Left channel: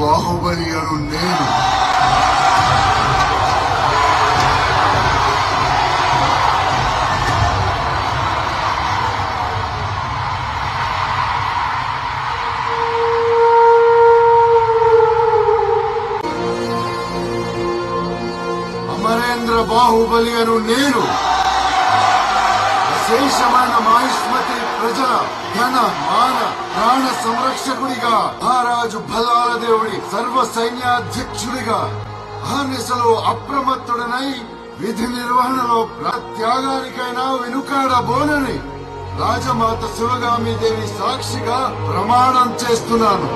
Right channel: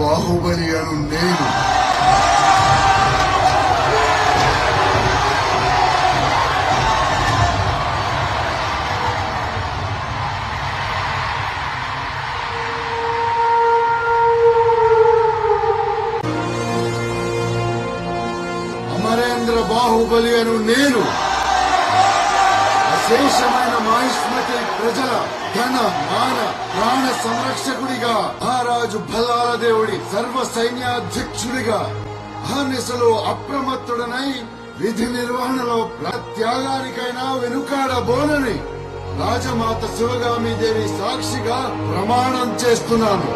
బాహుబలి అను నేను అమరేంద్ర బాహుబలి అను నేను విశేషమైన మహిష్మతి ప్రజల ధన మాన ప్రాణ సంరక్షకుడిగా మహారాజు బలాల దేవుడి సర్వ సైన్యాధ్యక్షుడిగా అహర్నిశలో అప్రమత్తుడనై విధి నిర్వహణలో త్యాగానికైనా వెనుకాడబోనని రాజమాత శివగామి దేవి సాక్షిగా ప్రమాణం చేస్తున్నాను.